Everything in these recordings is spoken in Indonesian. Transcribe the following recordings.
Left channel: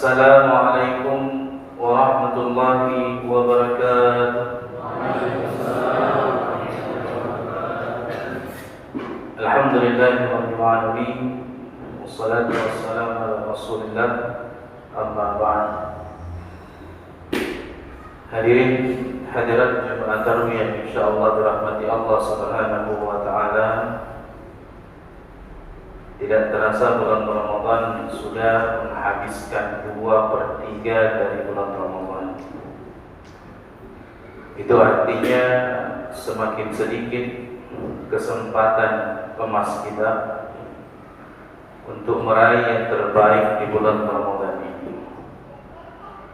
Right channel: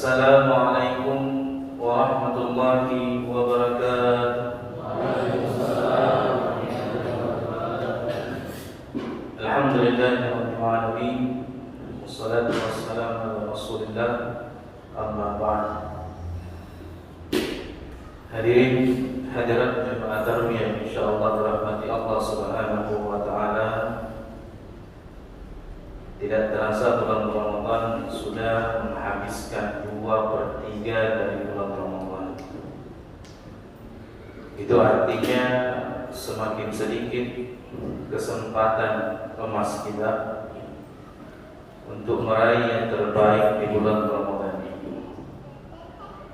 Assalamualaikum warahmatullahi wabarakatuh. Alhamdulillahirabbil alamin. Wassalatu wassalamu ala Rasulillah. Amma ba'd. Hadirin hadirat jemaah tarwiyah yang insyaallah dirahmati Allah Subhanahu wa taala. Tidak terasa bulan Ramadan sudah menghabiskan 2/3 dari bulan Ramadan. Itu artinya semakin sedikit kesempatan emas kita untuk meraih yang terbaik di bulan Ramadan ini.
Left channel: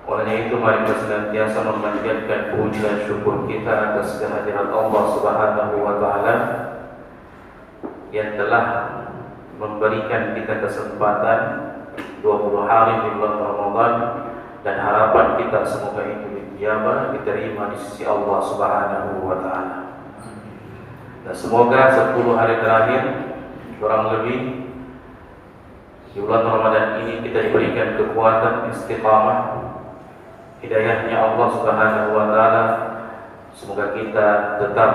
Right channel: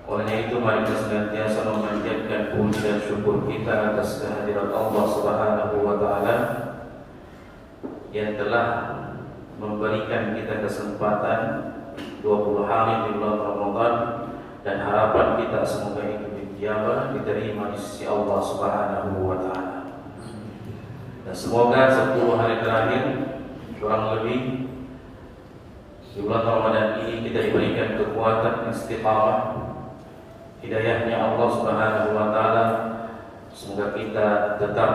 Oleh itu mari kita senantiasa memanjatkan puji dan syukur kita atas kehadiran Allah Subhanahu wa taala yang telah memberikan kita kesempatan 20 hari di bulan Ramadan, dan harapan kita semoga itu dijabah, diterima di sisi Allah Subhanahu wa taala. Dan semoga 10 hari terakhir kurang lebih di bulan Ramadan ini kita diberikan kekuatan istiqamah, hidayahnya Allah Subhanahu wa taala. Semoga kita tetap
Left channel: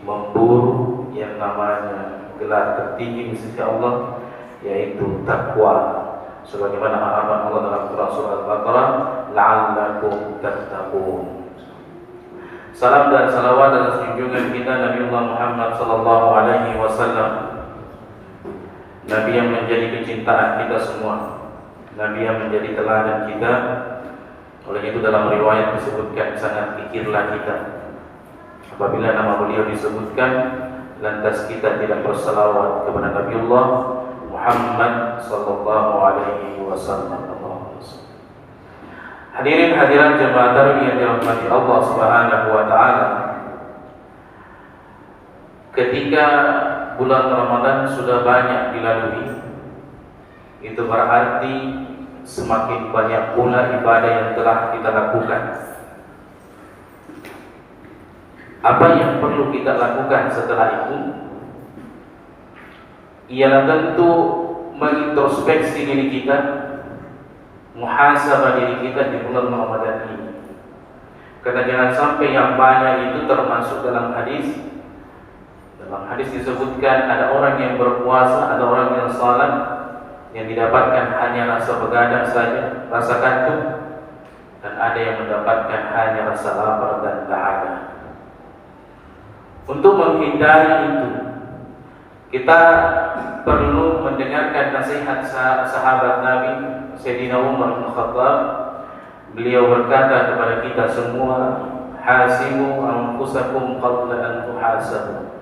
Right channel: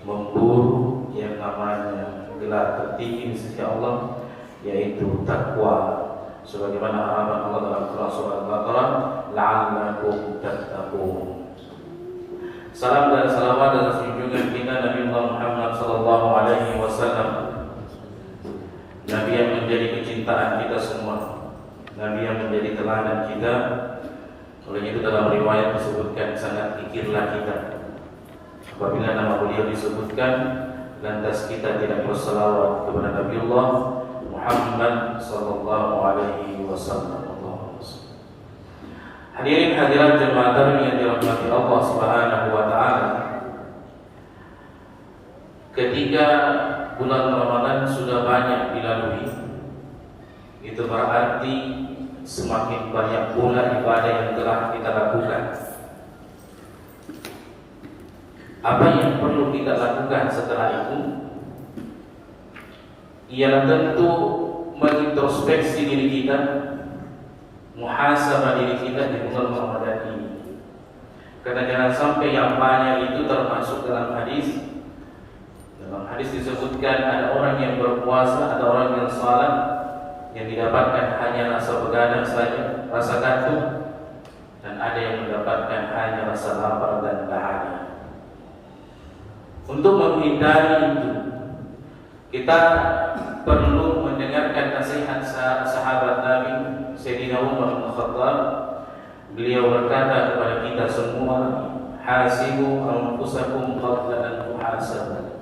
memburu yang namanya gelar tertinggi di sisi Allah, yaitu takwa, sebagaimana harapan Allah dalam Quran surah Al-Baqarah, la'allakum tattaqun. Salam dan salawat atas junjungan kita Nabi Muhammad sallallahu alaihi wasallam, Nabi yang menjadi kecintaan kita semua, Nabi yang menjadi teladan kita. Oleh itu dalam riwayat disebutkan sangat pikirlah kita apabila nama beliau disebutkan, lantas kita tidak berselawat kepada Nabiullah Muhammad sallallahu alaihi wasallam. Hadirin hadirat jemaah tarwiyah yang dirahmati Allah Subhanahu wa taala. Ketika bulan Ramadan sudah banyak dilalui, itu berarti semakin banyak pula ibadah yang telah kita lakukan. Apa yang perlu kita lakukan setelah itu? Ialah tentu mengintrospeksi diri kita, muhasabah diri kita di bulan Ramadan ini. Karena jangan sampai yang banyak itu termasuk dalam hadis. Dalam hadis disebutkan ada orang yang berpuasa, ada orang yang salat, yang didapatkan hanya rasa begadang saja, rasa kantuk, dan ada yang mendapatkan hanya rasa lapar dan dahaga. Untuk menghindari itu, kita perlu mendengarkan nasihat sahabat Nabi Sayyidina Umar bin Khattab. Beliau berkata kepada kita semua, hasibu anfusakum qabla an tuhasabu.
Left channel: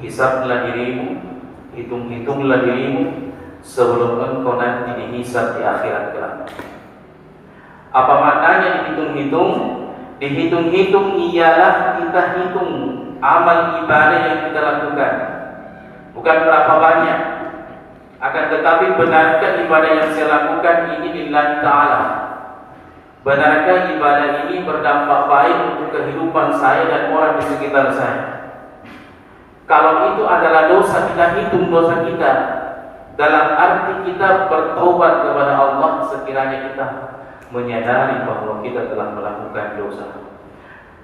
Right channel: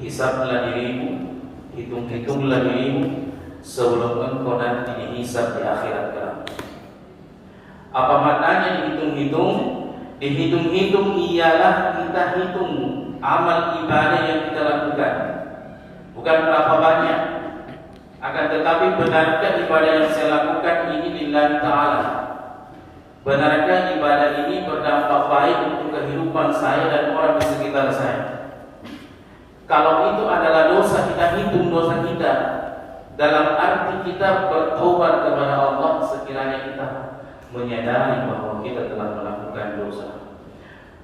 Hisablah dirimu, hitung-hitunglah dirimu sebelum engkau nanti dihisab di akhirat kelak. Apa maknanya dihitung-hitung? Dihitung-hitung ialah kita hitung amal ibadah yang kita lakukan, bukan berapa banyak. Akan tetapi benarkah ibadah yang saya lakukan ini lillahi ta'ala? Benarkah ibadah ini berdampak baik untuk kehidupan saya dan orang di sekitar saya? Kalau itu adalah dosa, kita hitung dosa kita, dalam arti kita bertobat kepada Allah sekiranya kita menyadari bahwa kita telah melakukan dosa.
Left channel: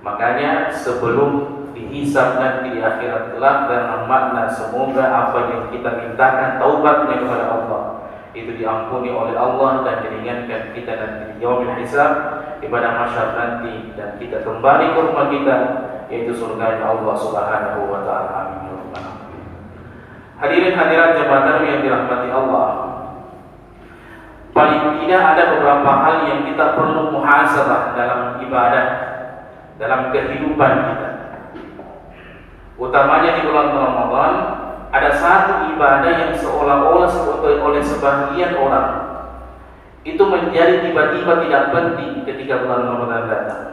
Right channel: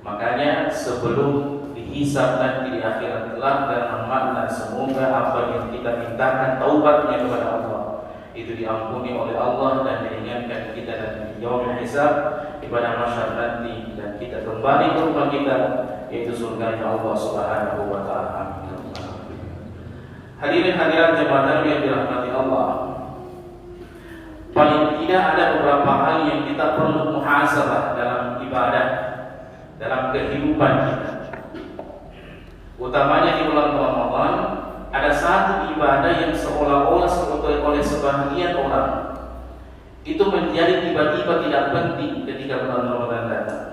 Makanya sebelum dihisab nanti di akhirat kelak, dan makna semoga apa yang kita mintakan taubatnya kepada Allah itu diampuni oleh Allah dan diringankan kita nanti di yaumil hisab, di pada masyar nanti, dan kita kembali ke rumah kita, yaitu surga Allah Subhanahu wa taala. Hadirin hadirat jemaah tarwiyah yang dirahmati Allah. Paling tidak ada beberapa hal yang kita perlu muhasabah dalam ibadah, dalam kehidupan kita. Utamanya di bulan Ramadan, ada satu ibadah yang seolah-olah oleh sebagian orang itu menjadi tiba-tiba tidak penting ketika bulan Ramadan datang.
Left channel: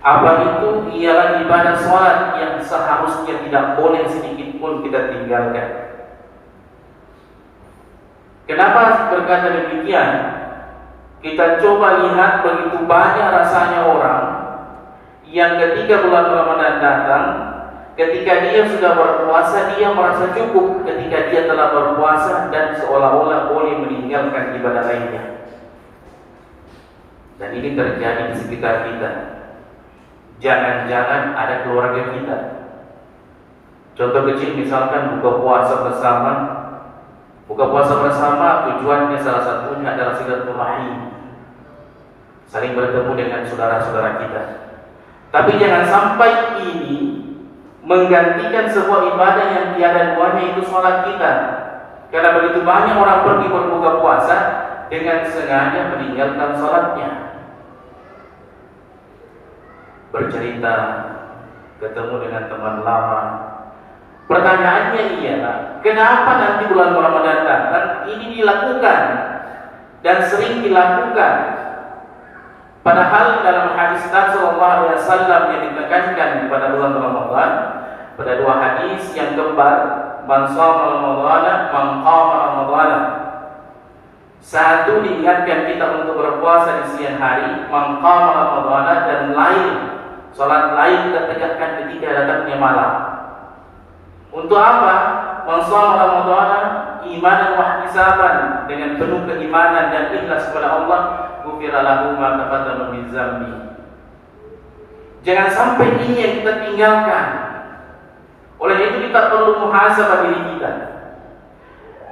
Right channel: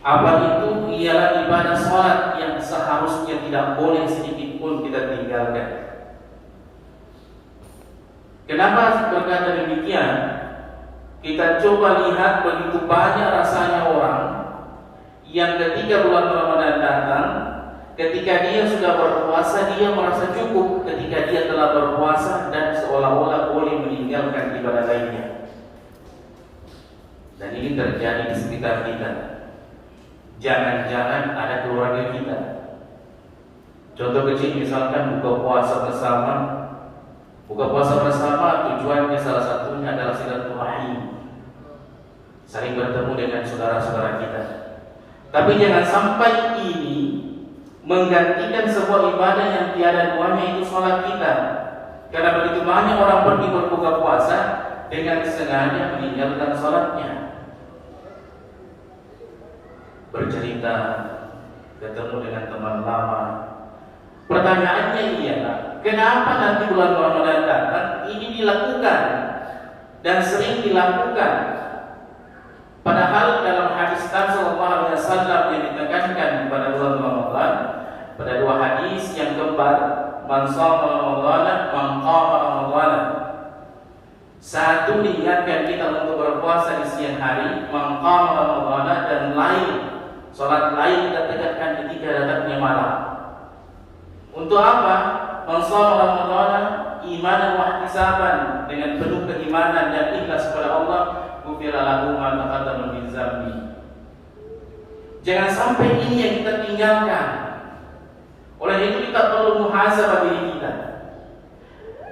Apa itu? Ialah ibadah sholat yang seharusnya tidak boleh sedikit pun kita tinggalkan. Kenapa berkata demikian? Kita coba lihat begitu banyak rasanya orang yang ketika bulan Ramadan datang, ketika dia sudah berpuasa, dia merasa cukup ketika dia telah berpuasa dan seolah-olah boleh meninggalkan ibadah lainnya. Dan ini terjadi di sekitar kita. Jangan-jangan ada keluarga kita. Contoh kecil misalkan buka puasa bersama. Buka puasa bersama tujuannya salah satunya adalah silaturahim, saling bertemu dengan saudara-saudara kita. Tapi jangan sampai ini menggantikan sebuah ibadah yang tiada duanya, itu sholat kita. Karena begitu banyak orang pergi berbuka puasa dengan sengaja meninggalkan sholatnya. Bercerita, ketemu dengan teman lama. Pertanyaannya ialah, kenapa nanti bulan Ramadan datang ini dilakukan dan sering dilakukan? Padahal dalam hadis Nabi SAW yang ditekankan pada bulan Ramadan, pada dua hadis yang kembar, man shoma Ramadhana, man qama Ramadhana. Satu, diingatkan kita untuk berpuasa di siang hari, man qama Ramadhana, dan lain, salat lain kita tegakkan ketika datangnya malam. Untuk apa? Man shoma Ramadhana imanan wa ihtisaban, dengan penuh keimanan dan ikhlas kepada Allah, ghufira lahu ma taqaddama min dzambi. Jangan sampai ini yang kita tinggalkan. Oleh itu kita perlu muhasabah diri kita.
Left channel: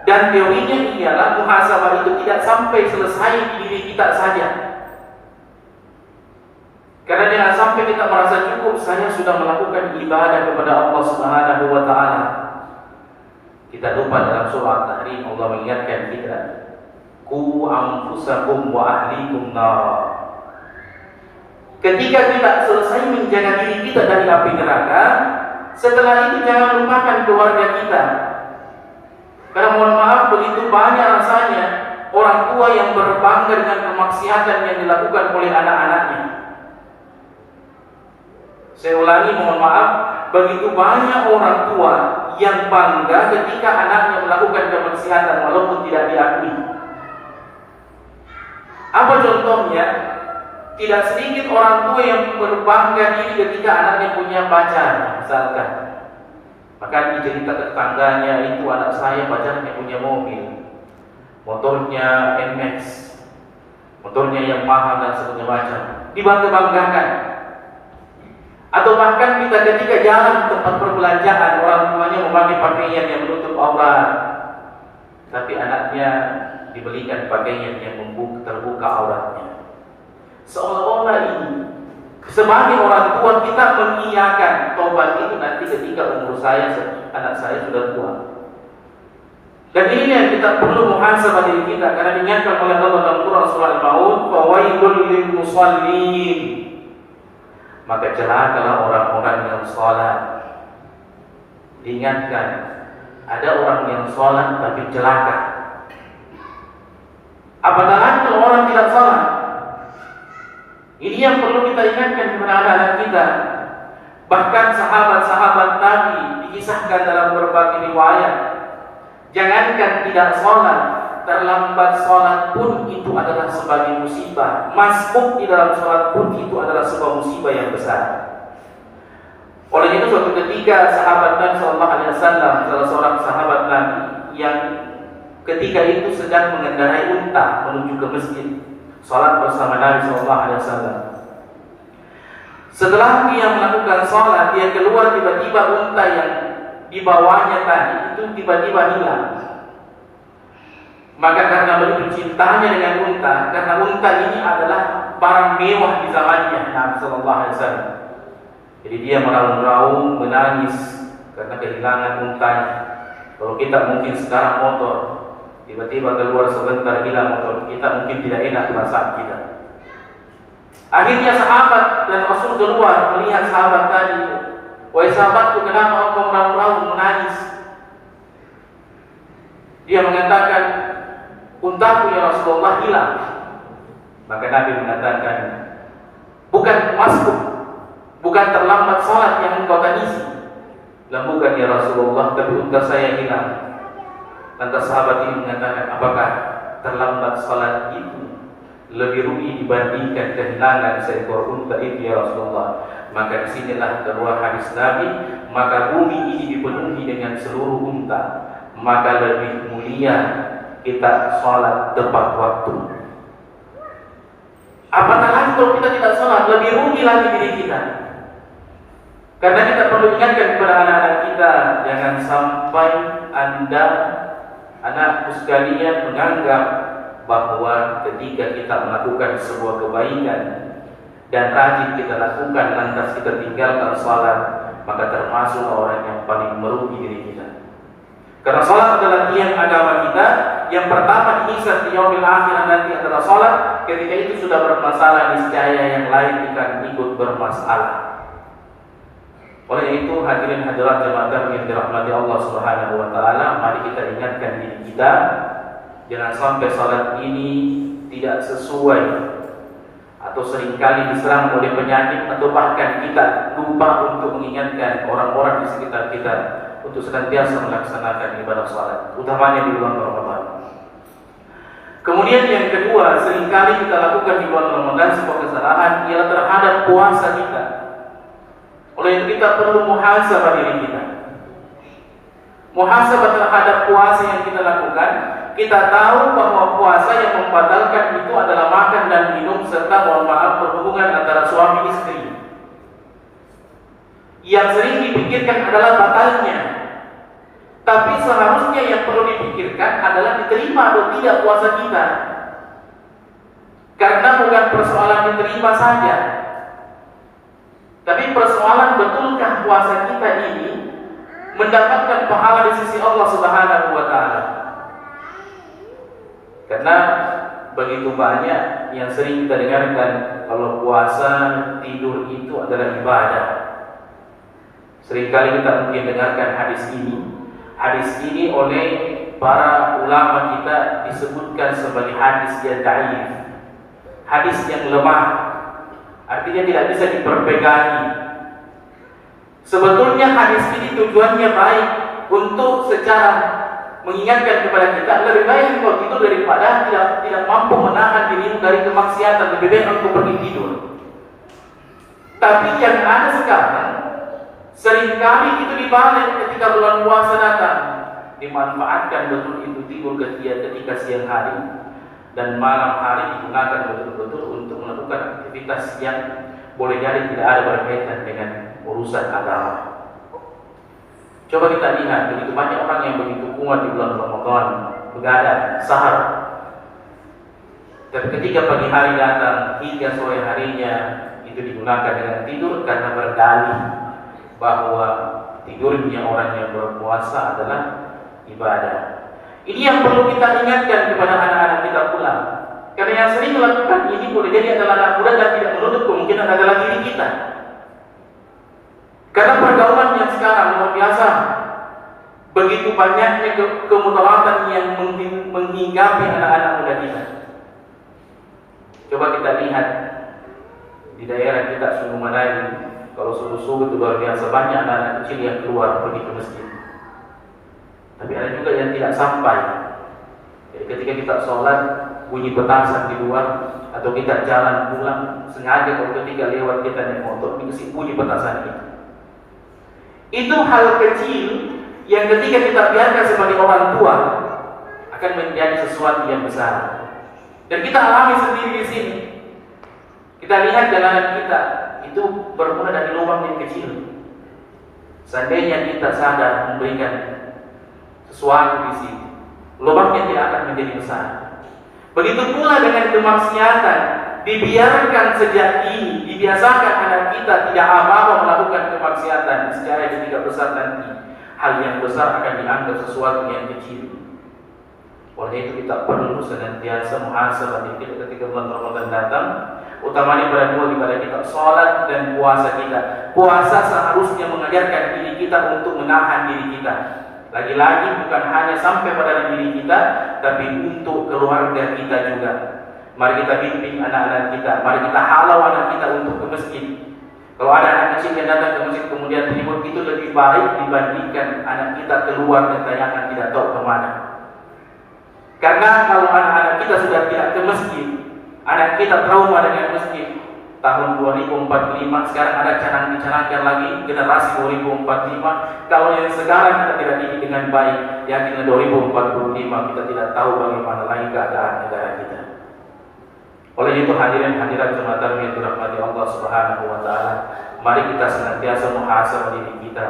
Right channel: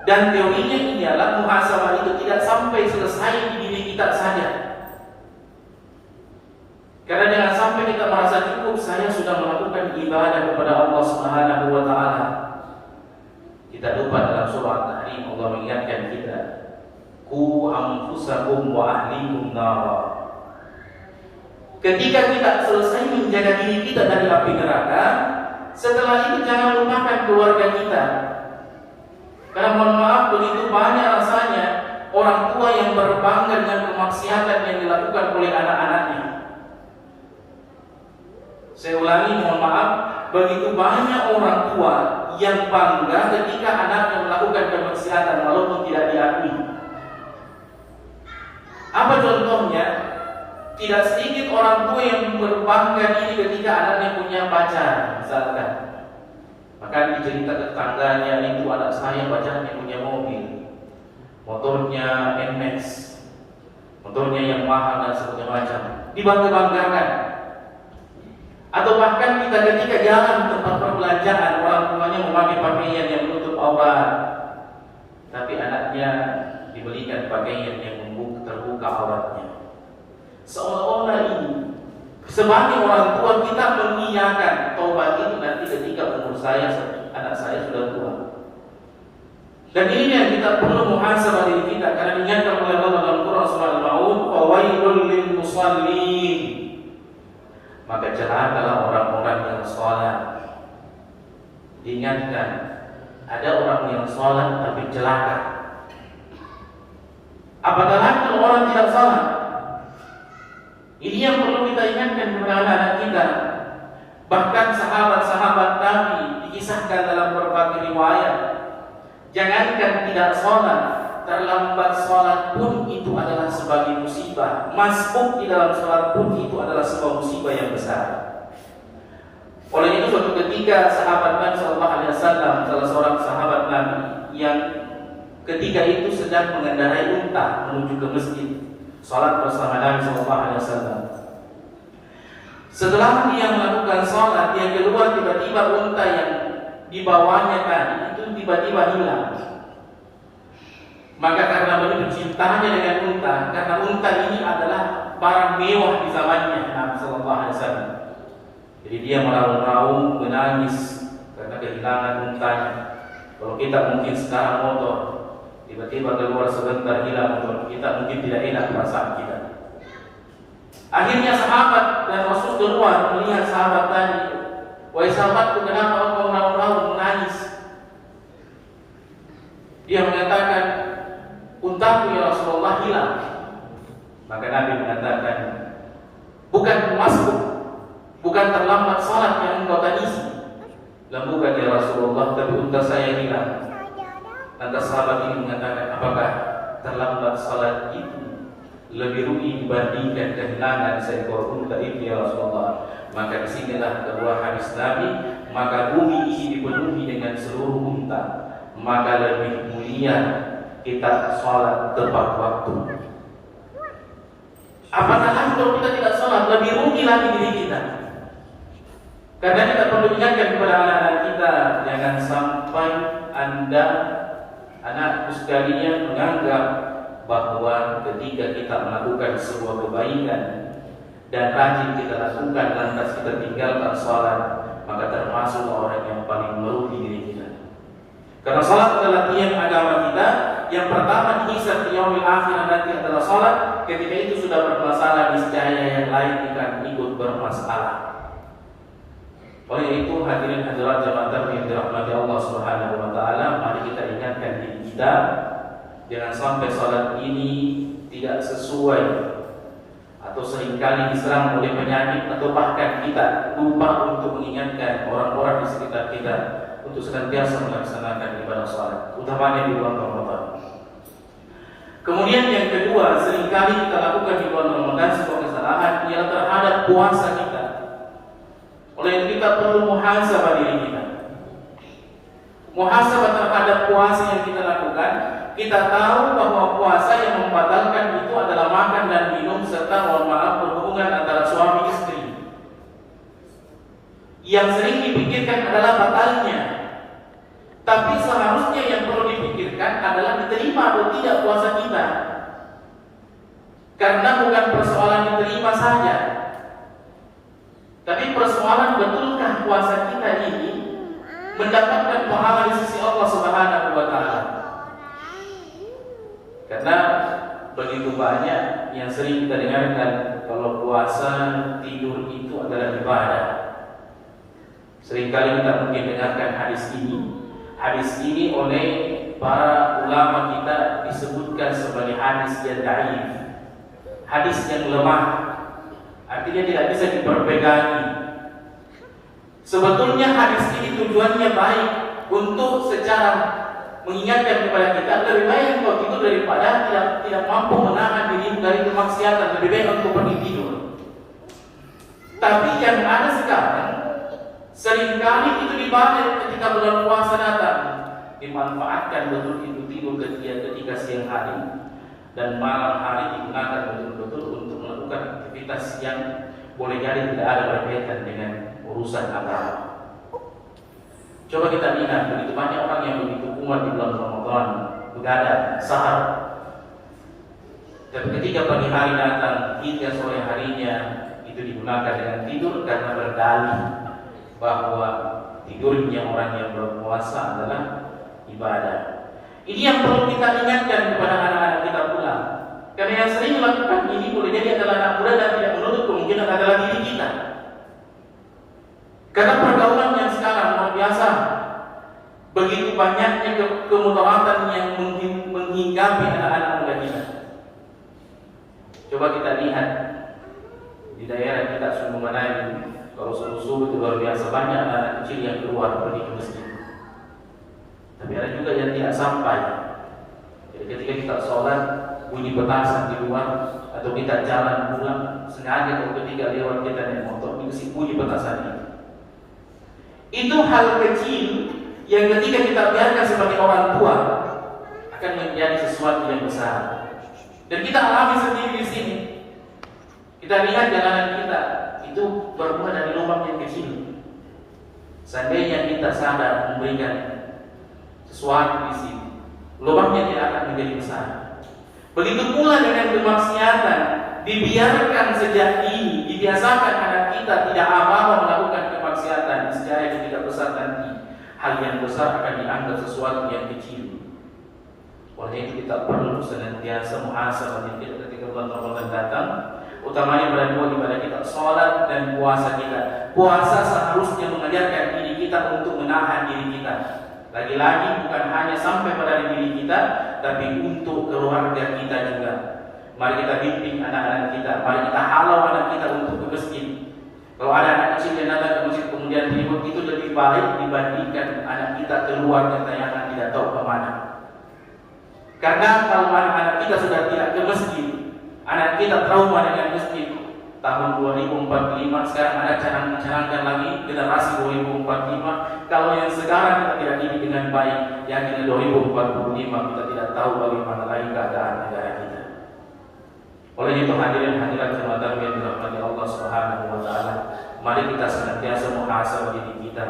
Dan teorinya ialah muhasabah itu tidak sampai selesai di diri kita saja. Karena jangan sampai kita merasa cukup, saya sudah melakukan ibadah kepada Allah Subhanahu wa taala. Kita lupa dalam surah At-Tahrim Allah mengingatkan kita, qu anfusakum wa ahlikum nar. Ketika kita selesai menjaga diri kita dari api neraka, setelah itu jangan lupakan keluarga kita. Karena mohon maaf, begitu banyak rasanya orang tua yang berbangga dengan kemaksiatan yang dilakukan oleh anak-anaknya. Saya ulangi, mohon maaf, begitu banyak orang tua yang bangga ketika anaknya melakukan kemaksiatan walaupun tidak diakui. Apa contohnya? Tidak sedikit orang tua yang berbangga diri ketika anaknya punya pacar, misalkan. Maka dicerita ke tetangganya, itu anak saya pacarnya punya mobil, motornya NMAX, motornya yang mahal dan sebagainya macam. Dibangga-banggakan. Atau bahkan kita ketika jalan di tempat perbelanjaan, orang tuanya memakai pakaian yang menutup aurat, tapi anaknya dibelikan pakaian yang terbuka auratnya. Seolah-olah ini sebagai orang tua kita mengiyakan taubat itu nanti ketika umur anak saya sudah tua. Dan ini yang kita perlu muhasabah diri kita, karena dinyatakan oleh Allah dalam Quran surah Al-Maun, fawailul lil musallin. Maka celakalah orang-orang yang sholat. Diingatkan, ada orang yang sholat tapi celaka. Apakah kalau orang tidak sholat? Ini yang perlu kita ingatkan kepada anak-anak kita. Bahkan sahabat-sahabat Nabi dikisahkan dalam berbagai riwayat, jangankan tidak sholat, terlambat sholat pun itu adalah sebagai musibah. Masbuk di dalam sholat pun itu adalah sebuah musibah yang besar. Oleh itu suatu ketika sahabat Nabi SAW, salah seorang sahabat Nabi yang ketika itu sedang mengendarai unta menuju ke masjid, sholat bersama Nabi SAW. Setelah dia melakukan sholat, dia keluar, tiba-tiba unta yang dibawanya tadi itu tiba-tiba hilang. Maka karena begitu cintanya dengan unta, karena unta ini adalah barang mewah di zamannya Nabi SAW. Jadi dia meraung-raung, menangis karena kehilangan untanya. Kalau kita mungkin sekarang motor, tiba-tiba keluar sebentar hilang motor kita, mungkin tidak enak perasaan kita. Akhirnya sahabat dan Rasul keluar melihat sahabat tadi. Wahai sahabatku, kenapa engkau meraung-raung menangis? Dia mengatakan, untaku ya Rasulullah hilang. Maka Nabi mengatakan, bukan masbuk, bukan terlambat salat yang engkau tangisi. Bukan ya Rasulullah, tapi unta saya hilang. Lantas sahabat ini mengatakan, apakah terlambat salat itu lebih rugi dibandingkan kehilangan seekor unta itu ya Rasulullah. Maka disinilah keluar hadis Nabi, maka bumi ini dipenuhi dengan seluruh unta, maka lebih mulia kita sholat tepat waktu. Apakah lagi kalau kita tidak sholat, lebih rugi lagi diri kita. Karena kita perlu ingatkan kepada anak-anak kita, jangan sampai Anda, anakku sekalian, menganggap bahwa ketika kita melakukan sebuah kebaikan dan rajin kita lakukan lantas kita tinggalkan sholat, maka termasuk orang yang paling merugi diri kita. Karena sholat adalah tiang agama kita. Yang pertama dihisab di yaumil akhir nanti adalah sholat. Ketika itu sudah bermasalah, niscaya yang lain akan ikut bermasalah. Oleh itu hadirin hadirat jemaah yang dirahmati Allah Subhanahu wa taala, mari kita ingatkan diri kita jangan sampai salat ini tidak sesuai atau seringkali diserang oleh penyakit atau bahkan kita lupa untuk mengingatkan orang-orang di sekitar kita untuk senantiasa melaksanakan ibadah salat, utamanya di bulan Ramadan. Kemudian yang kedua, seringkali kita lakukan di bulan Ramadan sebuah kesalahan ialah terhadap puasa kita. Oleh itu kita perlu muhasabah diri kita. Muhasabah terhadap puasa yang kita lakukan. Kita tahu bahwa puasa yang membatalkan itu adalah makan dan minum serta mohon maaf berhubungan antara suami istri. Yang sering dipikirkan adalah batalnya. Tapi seharusnya yang perlu dipikirkan adalah diterima atau tidak puasa kita. Karena bukan persoalan diterima saja, tapi persoalan betulkah puasa kita ini mendapatkan pahala di sisi Allah Subhanahu wa taala. Karena begitu banyak yang sering kita dengarkan kalau puasa tidur itu adalah ibadah. Seringkali kita mungkin dengarkan hadis ini. Hadis ini oleh para ulama kita disebutkan sebagai hadis yang dhaif, hadis yang lemah, artinya tidak bisa diperpegangi. Sebetulnya hadis ini tujuannya baik untuk secara mengingatkan kepada kita lebih baik kalau tidur daripada tidak mampu menahan diri dari kemaksiatan, lebih baik untuk pergi tidur. Tapi yang ada sekarang seringkali itu dibalik ketika bulan puasa datang, dimanfaatkan betul itu tidur ketika siang hari dan malam hari digunakan betul-betul untuk melakukan aktivitas yang boleh jadi tidak ada berkaitan dengan urusan agama. Coba kita lihat, begitu banyak orang yang begitu kuat di bulan Ramadan, begadang, sahar. Dan ketika pagi hari datang, hingga sore harinya itu digunakan dengan tidur karena berdalih bahwa tidurnya orang yang berpuasa adalah ibadah. Ini yang perlu kita ingatkan kepada anak-anak kita pula. Karena yang sering melakukan ini boleh jadi adalah anak muda dan tidak menutup kemungkinan adalah diri kita. Karena pergaulan yang sekarang luar biasa, begitu banyaknya kemudaratan yang menghinggapi anak-anak muda kita. Coba kita lihat di daerah kita Sunung Madani, kalau subuh-subuh itu luar biasa banyak anak-anak kecil yang keluar pergi ke masjid. Tapi ada juga yang tidak sampai. Jadi ketika kita sholat bunyi petasan di luar atau kita jalan pulang sengaja kalau ketika lewat kita naik motor dikasih bunyi petasan itu. Itu hal kecil yang ketika kita biarkan sebagai orang tua akan menjadi sesuatu yang besar. Dan kita alami sendiri di sini. Kita lihat dalam kita itu bermula dari lubang yang kecil. Seandainya kita sadar memberikan sesuatu di sini, lubangnya tidak akan menjadi besar. Begitu pula dengan kemaksiatan, dibiarkan sejak ini, dibiasakan anak kita tidak apa-apa melakukan kemaksiatan, secara yang tidak besar nanti, hal yang besar akan dianggap sesuatu yang kecil. Oleh itu kita perlu senantiasa muhasabah diri ketika bulan Ramadan datang, utamanya pada dua ibadah kita, sholat dan puasa kita. Puasa seharusnya mengajarkan diri kita untuk menahan diri kita. Lagi-lagi bukan hanya sampai pada diri kita, tapi untuk keluarga kita juga. Mari kita bimbing anak-anak kita, mari kita halau anak kita untuk ke masjid. Kalau ada anak kecil yang datang ke masjid kemudian ribut, itu lebih baik dibandingkan anak kita keluar dan tayangan tidak tahu kemana. Karena kalau anak-anak kita sudah tidak ke masjid, Anak kita trauma dengan masjid. Tahun 2045 sekarang ada canang-canangkan lagi generasi 2045. Kalau yang sekarang kita tidak didik dengan baik, yakinlah 2045 kita tidak tahu bagaimana lagi keadaan negara kita. Oleh itu hadirin hadirat Jumatan yang dirahmati Allah Subhanahu wa taala, mari kita senantiasa muhasabah diri kita.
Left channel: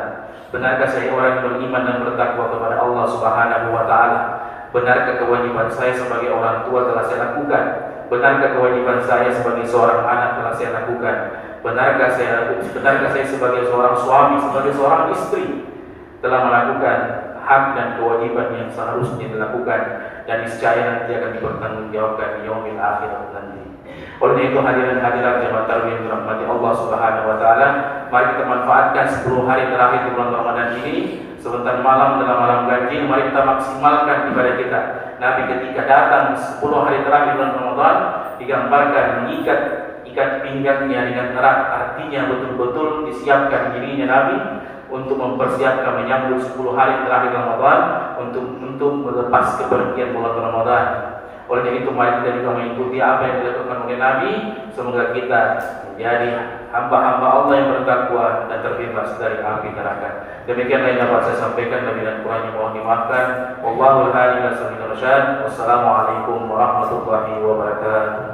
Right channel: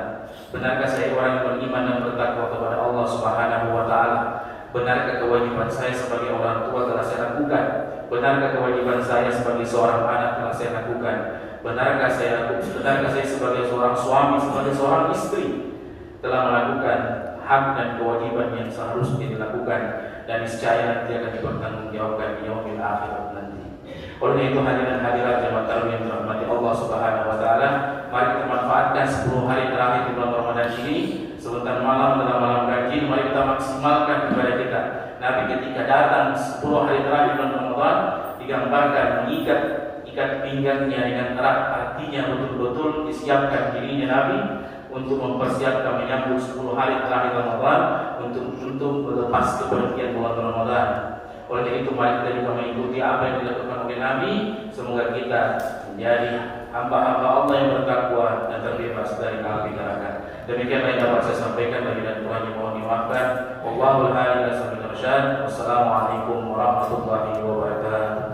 Benarkah saya orang yang beriman dan bertakwa kepada Allah Subhanahu wa taala? Benarkah kewajiban saya sebagai orang tua telah saya lakukan? Benarkah kewajiban saya sebagai seorang anak telah saya lakukan? Benarkah saya sebagai seorang suami, sebagai seorang istri telah melakukan hak dan kewajiban yang seharusnya dilakukan dan niscaya nanti akan dipertanggungjawabkan di yaumil akhirat nanti. Oleh itu hadirin hadirat jemaah tarawih yang dirahmati Allah Subhanahu wa taala, mari kita manfaatkan 10 hari terakhir di bulan Ramadan ini. Sebentar malam dalam malam ganjil, mari kita maksimalkan ibadah kita. Nabi ketika datang 10 hari terakhir bulan Ramadan digambarkan mengikat pinggangnya dengan erat, artinya betul-betul disiapkan dirinya Nabi untuk mempersiapkan menyambut 10 hari terakhir Ramadan untuk melepas kepergian bulan Ramadan. Oleh itu mari kita juga mengikuti apa yang dilakukan oleh Nabi. Semoga kita menjadi hamba-hamba Allah yang bertakwa dan terbebas dari api neraka. Demikianlah yang dapat saya sampaikan, dan kurangnya mohon dimaafkan. Wallahul a'lam bishawab. Wassalamualaikum warahmatullahi wabarakatuh.